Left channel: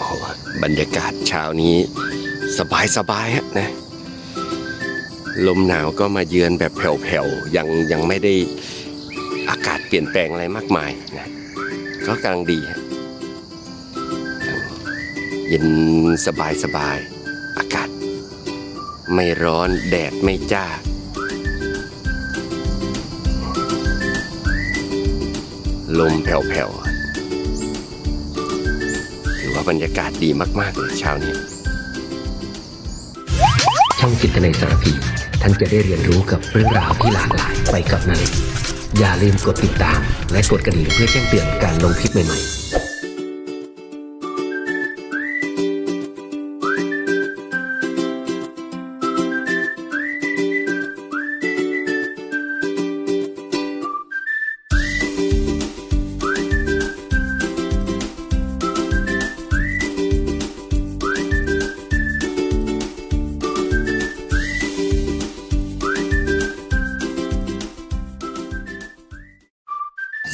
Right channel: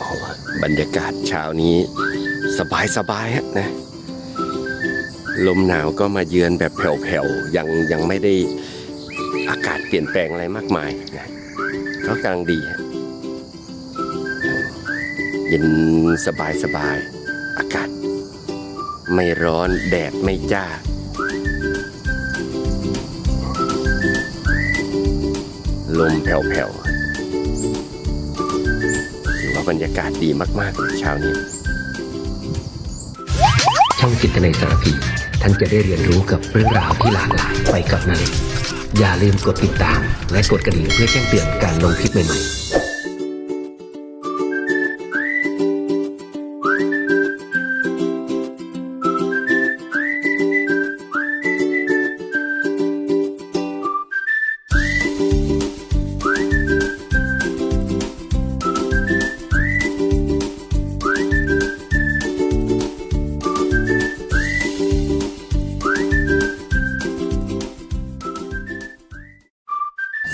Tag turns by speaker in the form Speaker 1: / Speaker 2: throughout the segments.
Speaker 1: อบรรยากาศเช้านี้สบายสบายๆฮะนะ ลมหนาวก็มาเยือนแบบแผ่วๆ ยังยังไม่ได้อากาศเปลี่ยนแปลงอะไรมากมายนะก็กำลังดีฮะเย็นสบายสบายๆอากาศ ไม่ร้อนแดดไม่จ้าลมแผ่วๆ ถือว่าบรรยากาศดีมากๆเลยเช้านี้
Speaker 2: ช่องจิตในสารพี ท่านจะได้เรียนรู้กับเรื่องราวที่หลากหลายไปกับนาเล็กอย่าลืมกดติดตาม และกดกระดิ่งเพื่อแจ้งเตือนการลงคลิปใหม่ๆ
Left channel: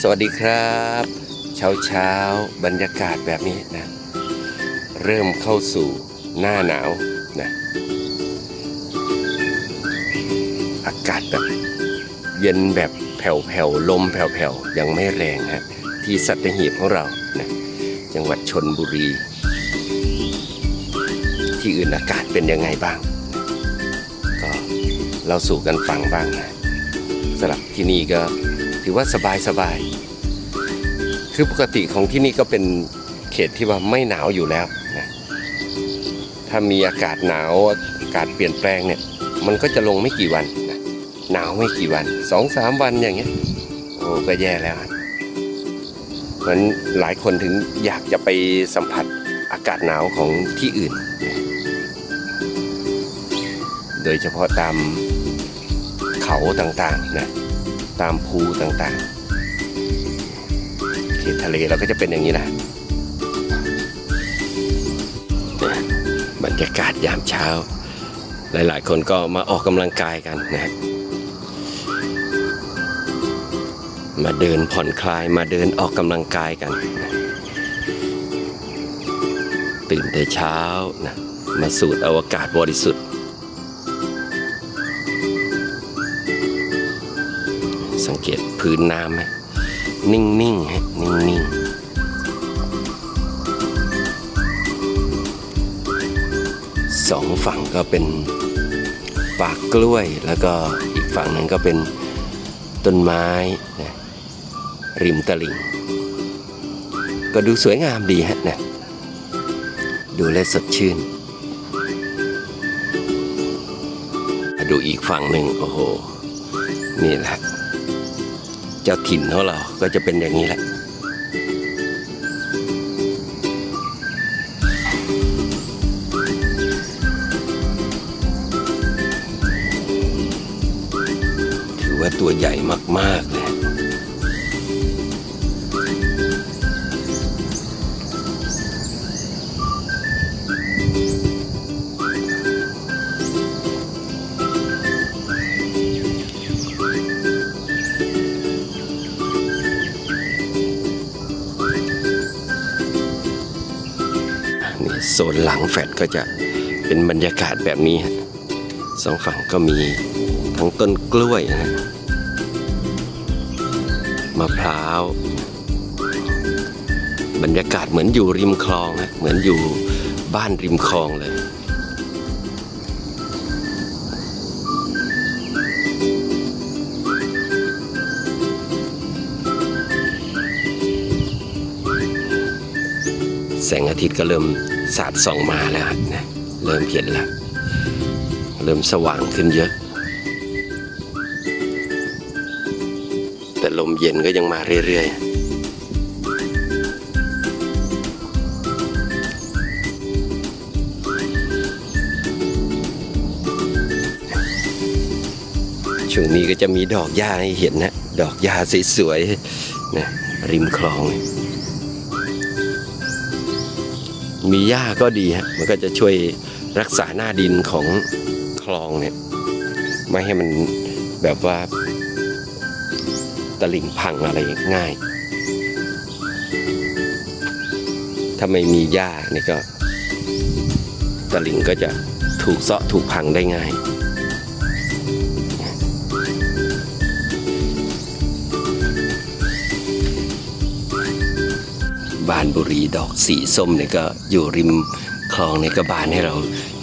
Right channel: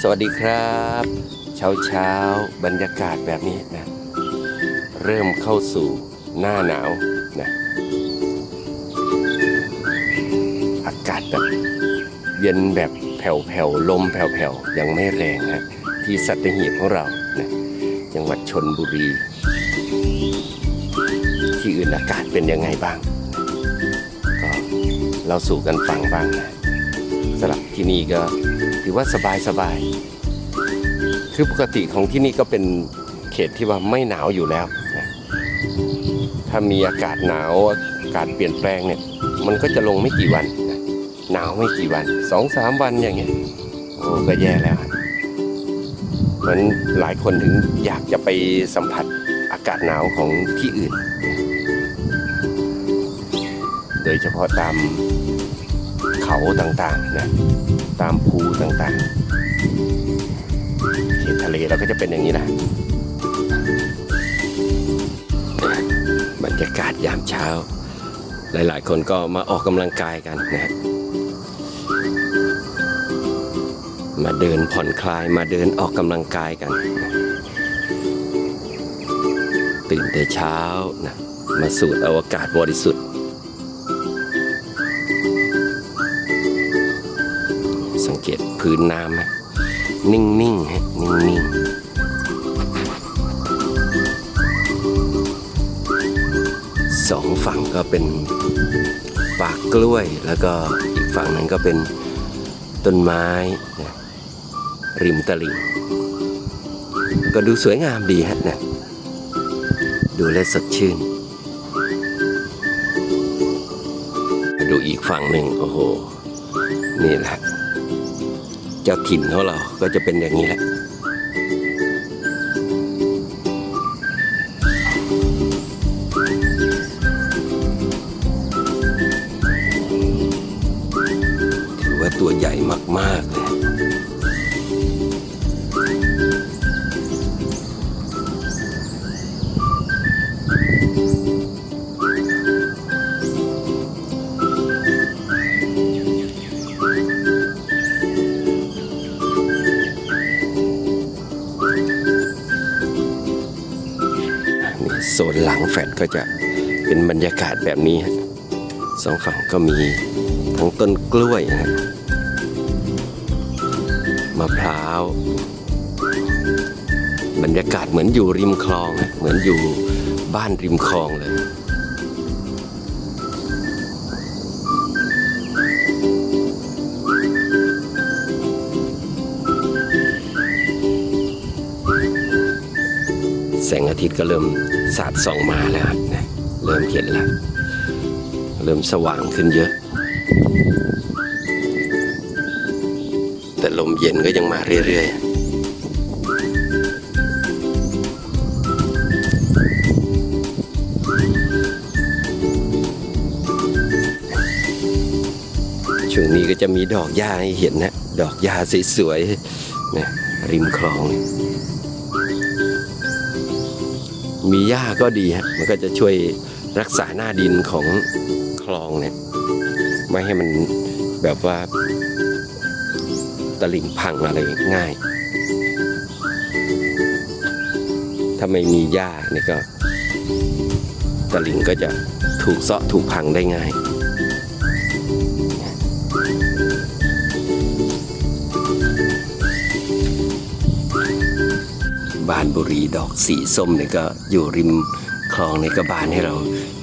Speaker 1: สวัสดีครับ เช้าเช้าบรรยากาศแบบนี้นะ เริ่มเข้าสู่หน้าหนาวนะอากาศแบบเย็นแบบแผ่วๆลมแผ่วๆยังไม่แรงฮะที่สัตหีบของเรานะจังหวัดชนบุรี ที่อื่นอากาศเป็นยังไงบ้างนะก็เราสู่กันฟังบ้างนะสำหรับที่นี่ก็ ถือว่าสบายสบาย คือปกติของที่นี่ก็เป็นเขตที่ว่าไม่หนาวอยู่แล้วนะถ้ามีอากาศหนาวอากาศเปลี่ยนแปลงเนี่ย มันก็จะลงไม่กี่วันนะหนาวไม่กี่วันสองสามวันอย่างเงี้ยโอ้ก็แย่แล้วเพราะฉะนั้นหลายคนถึงอยากจะไปสัมผัสอากาศหนาวของที่อื่นนะโดยเฉพาะตามเขาต่างๆนะ ตามภูต่างๆ เขตทะเลเราก็จะเป็นอย่างนี้นะเนี่ยบรรยากาศยามเช้า หลายๆ คนก็มาออกกำลังกายกันนะ มาเดินผ่อนคลายมาเดินออกกำลังกายกันนะตื่นแต่เช้านะมาสูดอาอากาศบริสุทธิ์ สังเกตพื้นน้ำไหมนิ่งๆฮะนิ่งๆสองฝั่งก็เป็นปากกล้วย แล้วก็อีกฝั่งหนึ่งก็เป็นต้นไม้นะริมตลิ่ง ก็ดูสวยงามดีฮะนะดูแลสดชื่น ดูอีกฝั่งหนึ่งโอ้โห นี่แหละ จ้าถิ่นของเราก็จะเป็นอย่างนี้แหละ ถือว่าตัวใหญ่มากๆเลย โซนหลังแฟดก็จะเป็นบรรยากาศแบบนี้ฮะสองฝั่งก็มีทั้งต้นกล้วยนะฮะมะพร้าว บรรยากาศเหมือนอยู่ริมคลองฮะเหมือนอยู่บ้านริมคลองเลยแสงอาทิตย์ก็เริ่ม สาดส่องมาแล้วนะเริ่มเห็นแล้ว เริ่มสว่างขึ้นเยอะ แต่ลมเย็นก็ยังมาเรื่อยๆช่วงนี้ก็จะมีดอกหญ้าให้เห็นนะ ดอกหญ้าสวยๆนะริมคลอง มีหญ้าก็ดีฮะมันก็จะช่วยรักษาหน้าดินของคลองเนี่ยไม่ให้มันแบบว่าตลิ่งพังอะไรง่าย ถ้าไม่มีหญ้านี่ก็ตะลิ่งก็จะถูกเซาะถูกพังได้ง่าย บานบุรีดอกสีส้มเนี่ยก็อยู่ริมคลองในกระบานให้เรา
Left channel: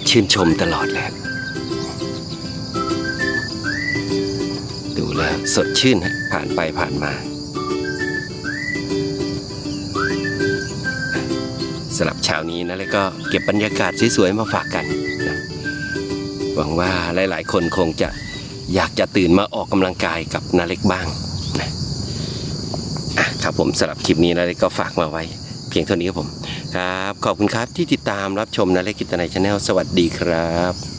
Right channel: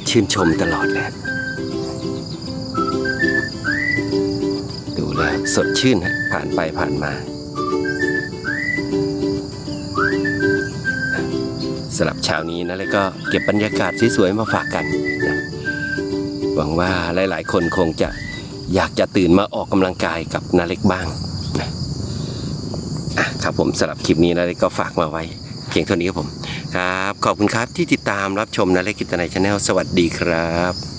Speaker 1: ชื่นชมตลอดแหละดูแลสดชื่นฮะผ่านไปผ่านมาสำหรับเช้านี้นะแล้วก็เก็บบรรยากาศสวยๆมาฝากกันนะหวังว่าหลายๆ คนคงจะอยากจะตื่นมาออกกำลังกายกับนาเล็กบ้างนะ อะครับผมสำหรับคลิปนี้นะก็ฝากมาไว้ เพียงเท่านี้ครับผม ครับ ขอบคุณครับที่ติดตามรับชมนะเล็กกิตนายชาแนลสวัสดีครับ